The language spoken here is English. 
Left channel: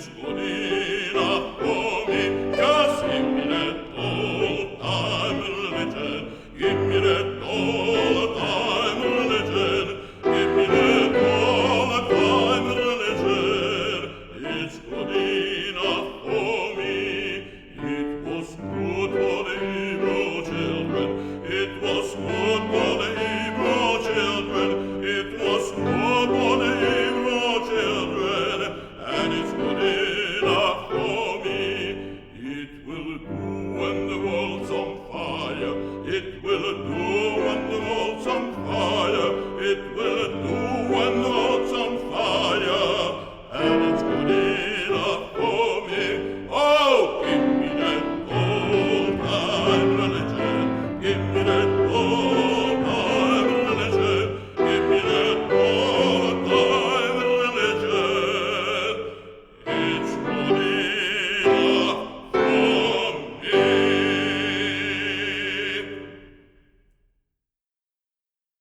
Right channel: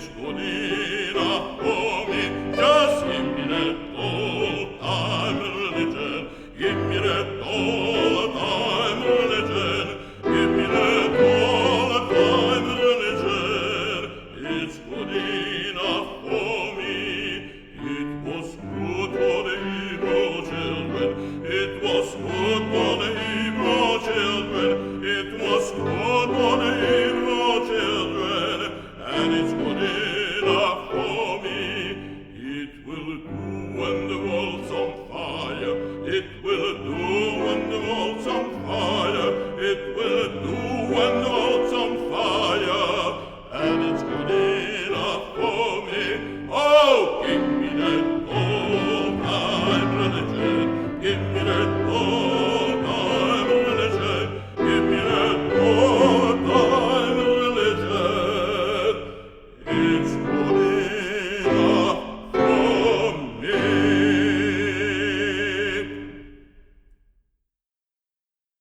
It's good enough for me. Just give me that old-time religion. Give me that old-time religion. Give me that old-time religion. It's good enough for me. It was good for the Hebrew children. It was good for the Hebrew children. It was good for the Hebrew children. And it's good